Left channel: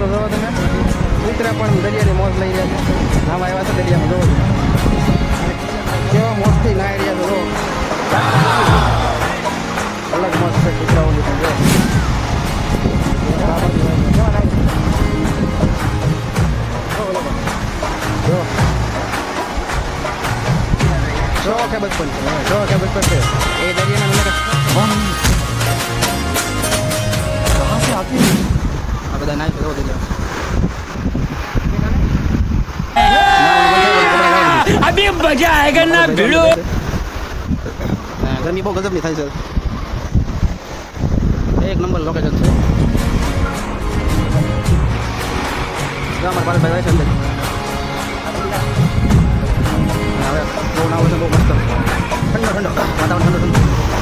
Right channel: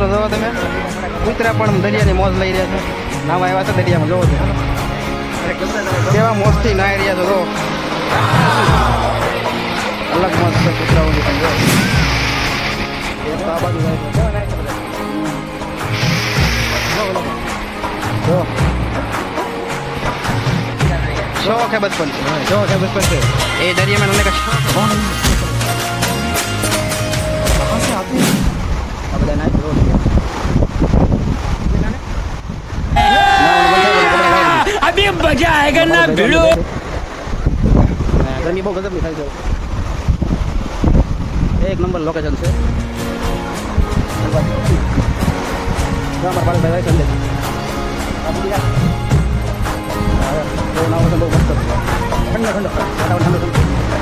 મિત્રો જોવો તમે કૂતરા પણ દરિયાની મોજ લઈ રહ્યા છે નાવા આવ્યા છે દરિયામાં જોવો છો કેવા મોજથી નાહી રહ્યા છો જો અલગ મોજ છે કૂતરાઓની પણ જો આ બાજુ જાય છે. જો શોખ હે બચપન से એ દરિયા में उन्होंने कहा कहाँ આ બધા નાઈ ફેરો લઈ ગયા અભી મજા આયેગા ના ભીડો ગરમી બહુ ગજબની થાય છે એક નંબર લોકેશન છે અમારા પાલનભાઈ ભાઈ સંદેશ હવે બહુ ના હોય બહુ મસ્ત ઠંડો ઠંડો વાતાવરણ ઠંડો ઠંડો